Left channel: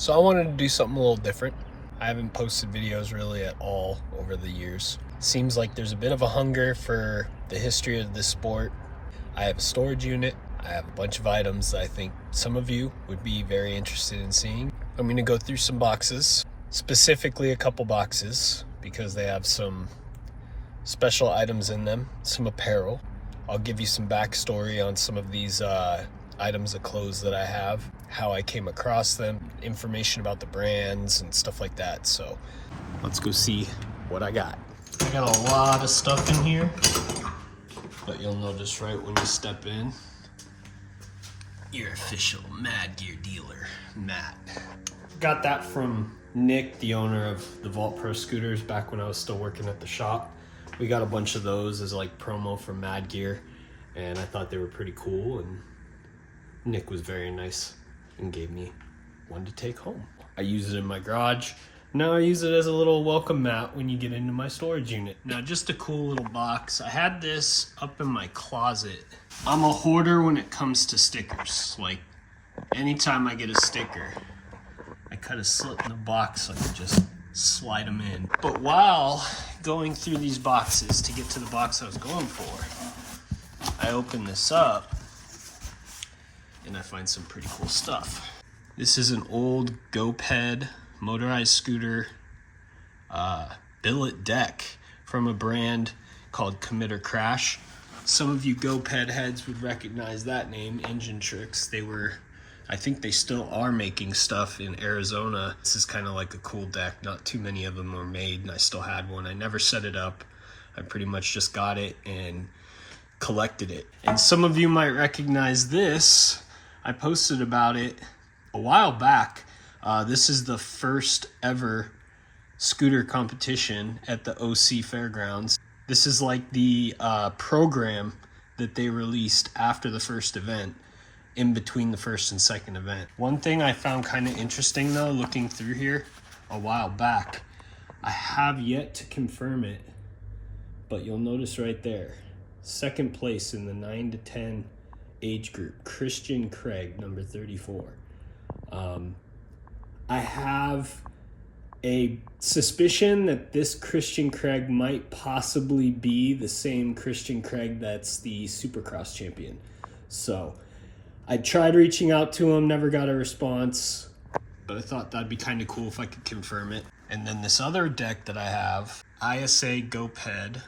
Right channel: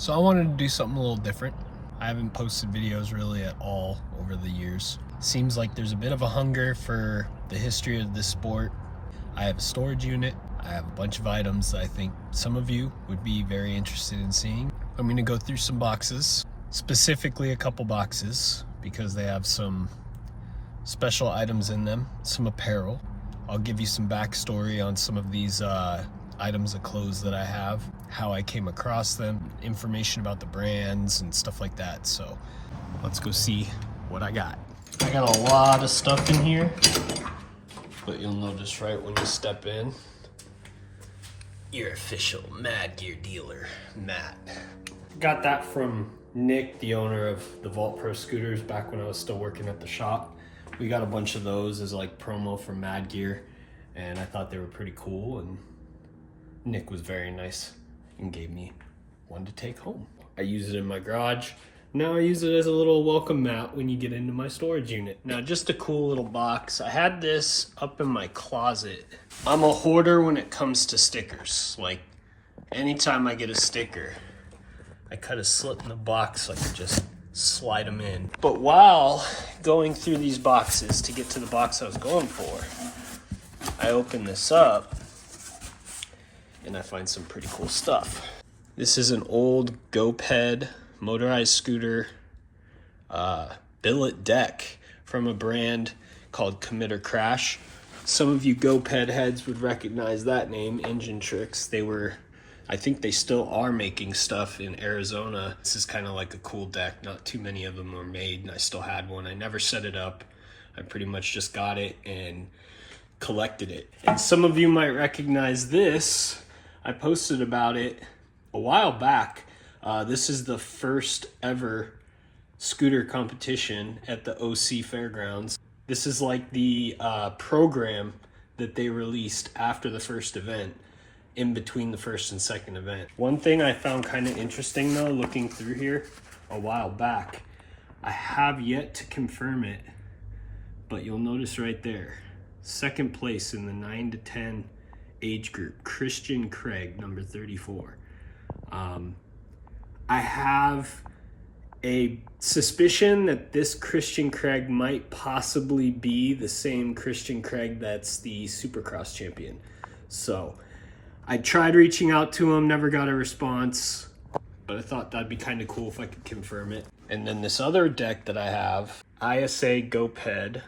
So I wanted to do something a little different. I haven't posted videos really at all over the years. Seems like there's a bit of a hunger for the history of this sport. I have a storage unit. I have a bunch of items that I think some of you would be very interested in seeing. I'm going to go through some boxes, specifically a couple boxes, because they have some special items in them, some apparel. I'll give you some backstory on some of these items of clothes that I have, how I came across them, information about the brands and stuff like that. So let's go see what I got. I got a lot of stuff in here, but you'll notice right when you step in, your official Mad Gear dealer, Matt. Got that from Nick, the owner of the Vault Pro scooters, back when I was still working at the shop. We got a bunch of those as like promo from Mad Gear, and I thought they were pretty cool, and Nick was very nice and gave me one to take home. I use it in my garage. Now I use it as a little welcome mat when you get into my storage unit. Now, just a cool little box. I had this up in my closet. I'm a hoarder when it comes to stickers. Like, anytime I get a sticker, I cut a slit in the box so I could just slide them in. But while going through these boxes to get to the box I was going for, I open this up and I find some pretty cool stuff. This is an old GoPed motorized scooter billet deck from a brand called Commit or Crash. Some of you GoPed heads would recognize that name, Engine Tricks. I think they still are making stuff in Arizona. This is kind of like a cool deck. Not too many of them were made, and I still had one. I never set it up. I pretty much just got it and collected it. And some of you might recognize this. I posted about it a while back. This is the first ever scooter competition at the OC Fairgrounds. This is like the program that they released after the first event, in between the first and second event. One thing I found kind of interesting though, looking through here a while back, I have yet to confirm it, but you'll notice right there, second place in the 9 to 10 age group, Christian Craig, number 34. I have a suspicion that this Christian Craig might possibly be the same Christian Craig that's the Supercross champion. So I tried reaching out to him, never got a response, but I thought that'd be kind of cool if I could confirm it. And then this other deck that I have, ISA GoPed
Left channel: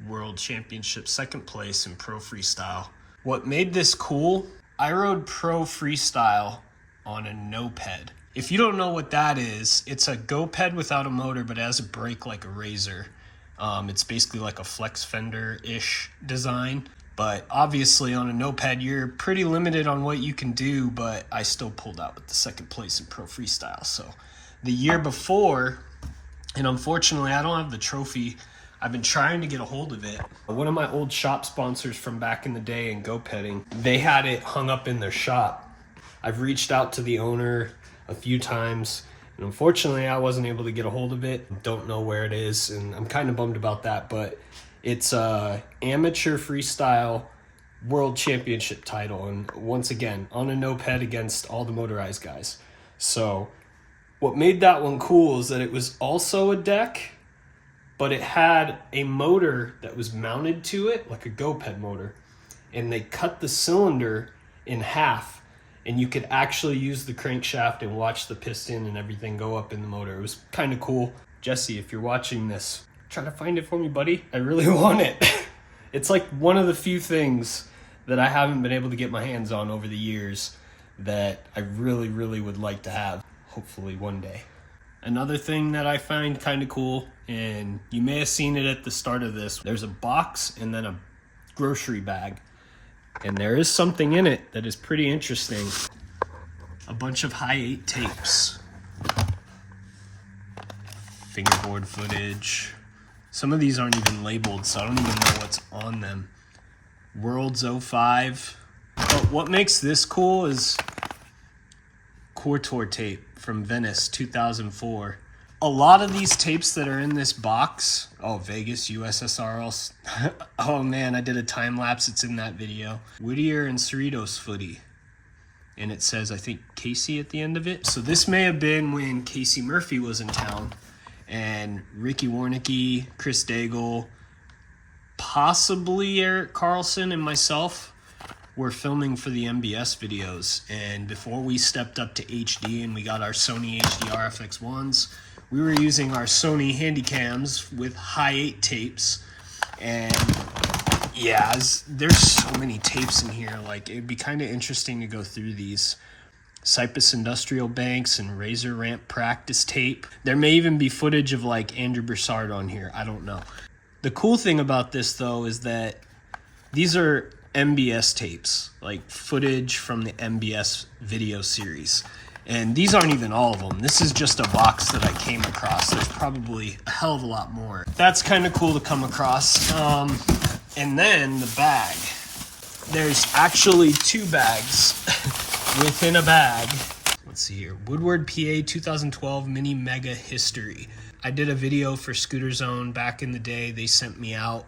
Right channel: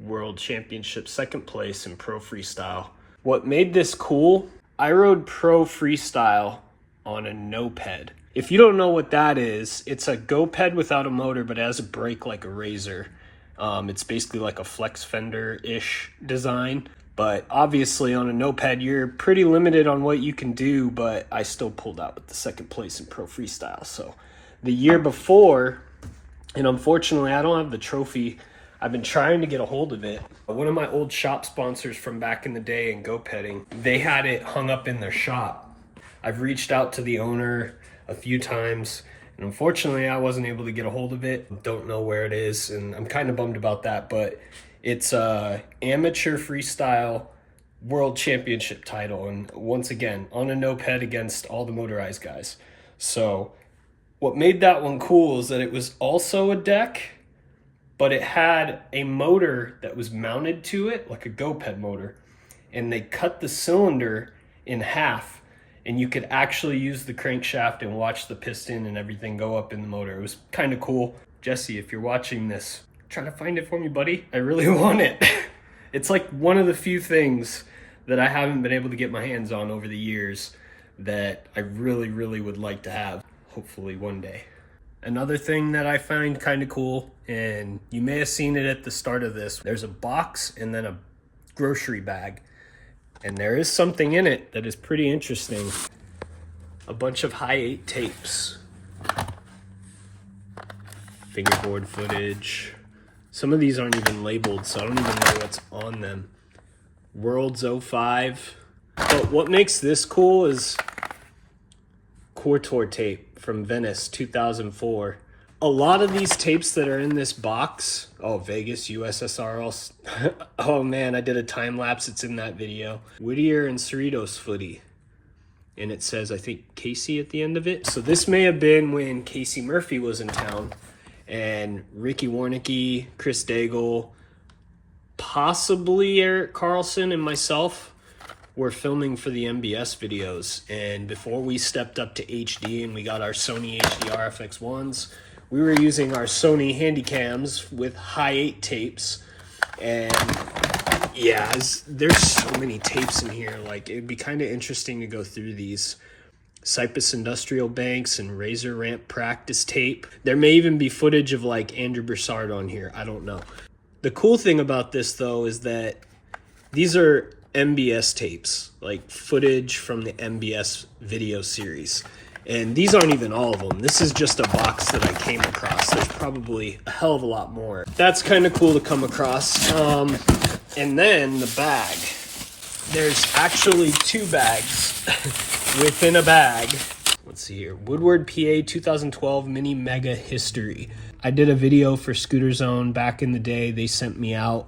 World Championship, second place in Pro Freestyle. What made this cool, I rode Pro Freestyle on a no-ped. If you don't know what that is, it's a GoPed without a motor, but it has a brake like a Razor. It's basically like a flex fender-ish design. But obviously on a no-ped, you're pretty limited on what you can do, but I still pulled out with the second place in Pro Freestyle. So the year before, and unfortunately I don't have the trophy, I've been trying to get a hold of it. One of my old shop sponsors from back in the day in GoPedding, they had it hung up in their shop. I've reached out to the owner a few times, and unfortunately I wasn't able to get a hold of it. Don't know where it is, and I'm kind of bummed about that, but it's a amateur freestyle world championship title, and once again, on a no-ped against all the motorized guys. So what made that one cool is that it was also a deck, but it had a motor that was mounted to it, like a GoPed motor, and they cut the cylinder in half, and you could actually use the crankshaft and watch the piston and everything go up in the motor. It was kind of cool. Jesse, if you're watching this, try to find it for me, buddy. I really want it. It's like one of the few things that I haven't been able to get my hands on over the years that I really, really would like to have, hopefully one day. Another thing that I find kind of cool, and you may have seen it at the start of this, there's a box and then a grocery bag. And there is something in it that is pretty interesting. A bunch of high 8 tapes. Fingerboard footage. Some of these aren't even labeled, so I don't even know what's on them. Worlds 05. But what makes this cool is Cortor tape from Venice 2004. A lot of these tapes that are in this box, Vegas, USSR, oh man, I did a time lapse, it's in that video. Whittier and Cerritos footy. and it says, I think, Casey at the end of it. So this may have been when Casey Murphy was in town, and Ricky Warnicki, Chris Daigle, possibly Eric Carlson, and myself were filming for the MBS videos. And before we stepped up to HD and we got our Sony HDR FX1s, we were using our Sony Handycams with high 8 tapes. And yeah, there's so many tapes in here. Like, it'd be kind of interesting to go through these. Cypress Industrial Banks and Razor Ramp practice tape. There may even be footage of like Andrew Broussard on here. I don't know. The cool thing about this though is that these are MBS tapes, like footage from the MBS video series. And these aren't even all of them. This is just a box that I came across. There's probably a hell of a lot more. That's kind of cool to come across. And then the bag. There's actually 2 bags within a bag. Let's see here. Woodward, PA 2012 Mini Mega History. I did a video for Scooter Zone back in the day. They sent me out.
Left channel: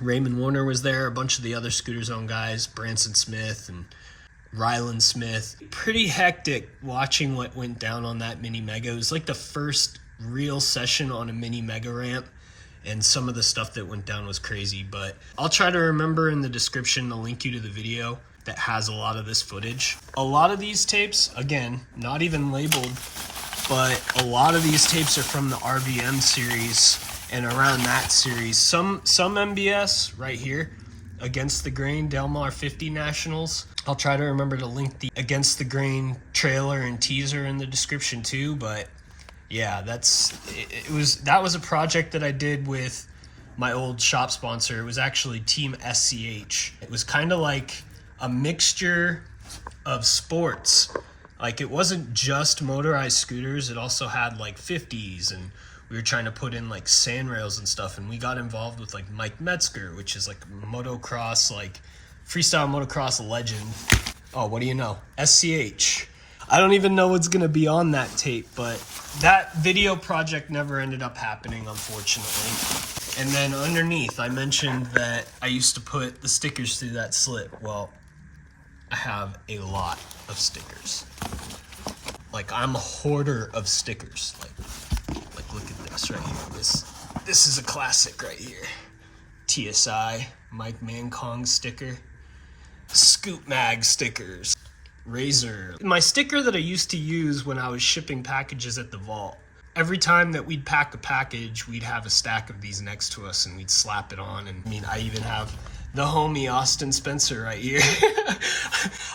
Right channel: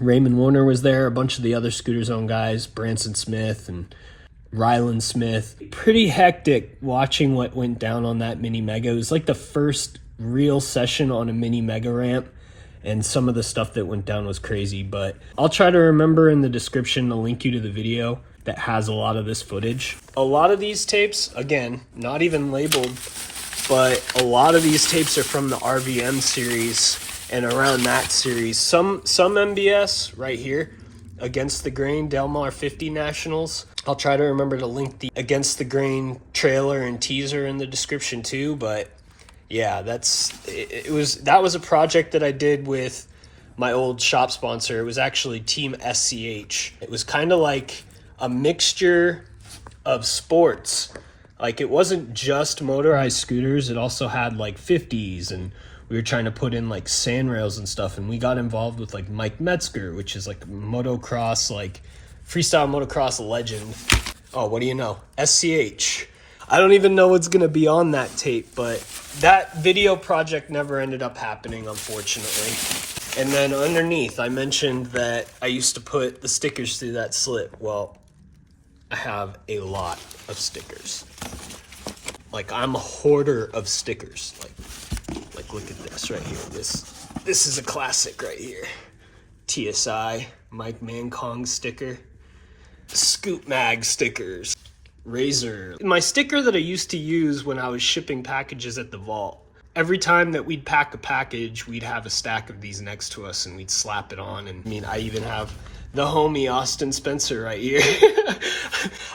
Raymond Warner was there, a bunch of the other Scooter Zone guys, Branson Smith and Ryland Smith. Pretty hectic watching what went down on that Mini Mega. It was like the first real session on a Mini Mega ramp, and some of the stuff that went down was crazy, but I'll try to remember in the description to link you to the video that has a lot of this footage. A lot of these tapes, again, not even labeled, but a lot of these tapes are from the RVM series and around that series. Some MBS right here, Against the Grain Delmar 50 Nationals. I'll try to remember to link the Against the Grain trailer and teaser in the description too, but yeah, that was a project that I did with my old shop sponsor. It was actually Team SCH. It was kind of like a mixture of sports. Like, it wasn't just motorized scooters. It also had like 50s, and we were trying to put in like sand rails and stuff. And we got involved with like Mike Metzger, which is like motocross, like freestyle motocross legend. Oh, what do you know? SCH. I don't even know what's going to be on that tape, but that video project never ended up happening, unfortunately. And then underneath, I mentioned that I used to put the stickers through that slit. Well, I have a lot of stickers. Like, I'm a hoarder of stickers. Like look at this right here. This is a classic right here. TSI, Mike Mankong sticker. Scoot Mag stickers. Razor. My sticker that I used to use when I was shipping packages at the vault. Every time that we'd pack a package, we'd have a stack of these next to us and we'd slap it on. And I mean, I even have the homie Austin Spencer right here.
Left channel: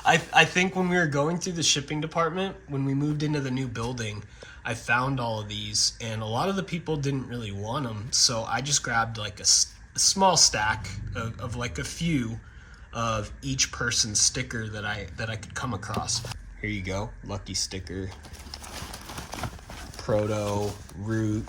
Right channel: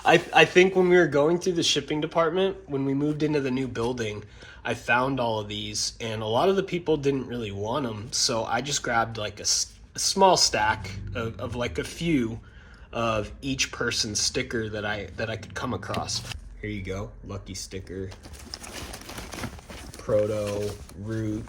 I think when we were going through the shipping department, when we moved into the new building, I found all of these, and a lot of the people didn't really want them. So I just grabbed like a small stack of like a few of each person's sticker that I could come across. Here you go, lucky sticker, proto, root.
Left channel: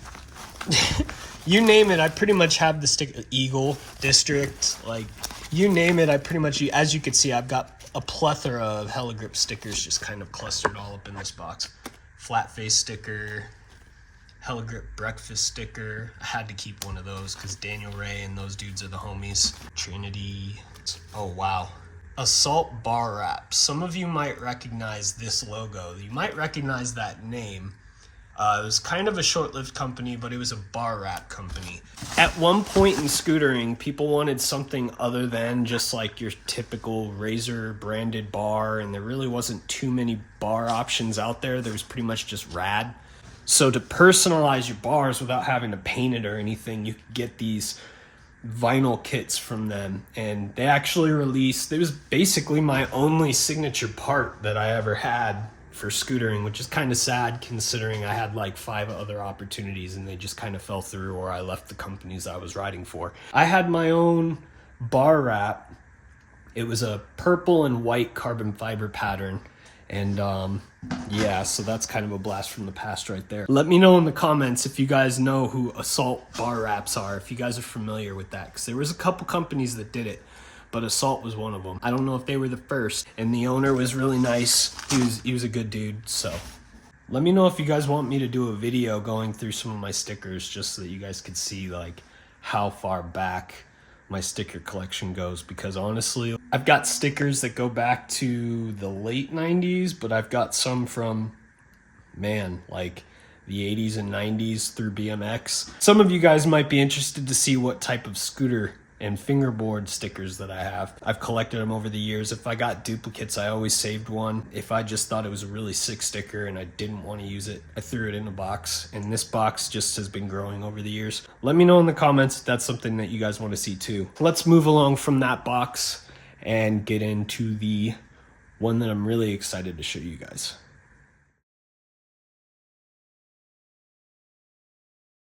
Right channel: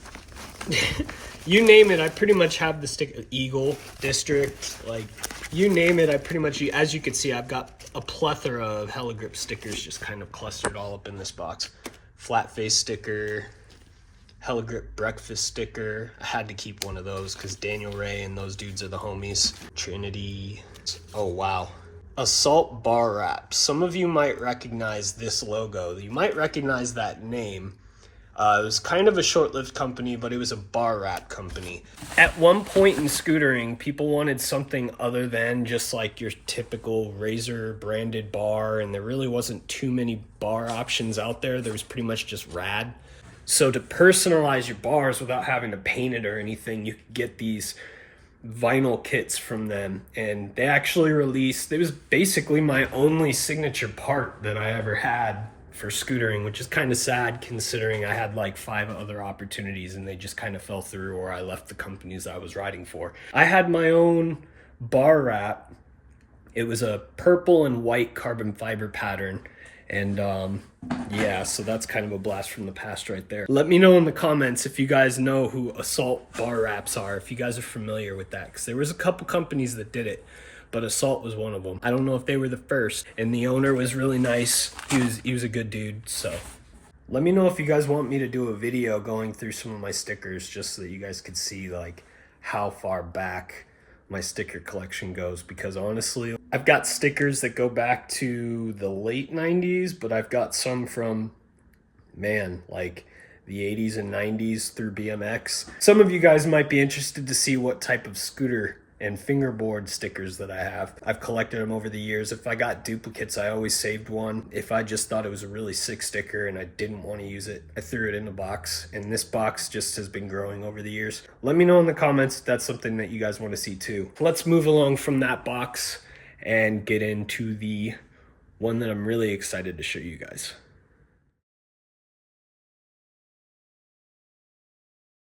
You name it, I pretty much have the sticker. Eagle, district, like you name it, I pretty much, as you can see, I've got a plethora of Heligrip stickers just kind of clustered all up in this box. Flat face sticker, Heligrip breakfast sticker. I had to keep one of those because Daniel Ray and those dudes are the homies. Trinity. Oh, wow. Assault bar wrap. Some of you might recognize this logo. You might recognize that name. It was kind of a short-lived company, but it was a bar wrap company. At one point in scootering, people wanted something other than just like your typical Razor branded bar, and there really wasn't too many bar options out there. There was pretty much just rad. So to personalize your bars without having to paint it or anything, you could get these vinyl kits from them, and they actually released, it was basically my only signature part that I ever had for scootering, which is kind of sad considering I had like 5 other opportunities and they just kind of fell through, or I left the companies I was riding for. I had my own bar wrap. It was a purple and white carbon fiber pattern, and yeah, so that's kind of a blast from the past right there. Let me know in the comments if you guys know who Assault bar wraps are, if you guys are familiar with that, because there was a couple companies that did it, but Assault was one of them. I don't know if they were the first, and the owner was really nice. He was a good dude, so. Let me know if you guys want me to do a video going through some of my stickers, just so that you guys could see like how far back my sticker collection goes, because honestly, I've got stickers that go back to the late 90s, but I've got some from, man, like the 80s and 90s through BMX. Some of you guys might be interested to see what type of scooter and fingerboard stickers that I have. I've collected them over the years. If I got duplicates, I always saved one. If I just thought it was a really sick sticker and I didn't want to use it, I threw it in a box, and this box just has been growing over the years. Let me know in the comments if that's something that you guys want to see too. Let's move along from that box and get into the one that I'm really excited to show you guys.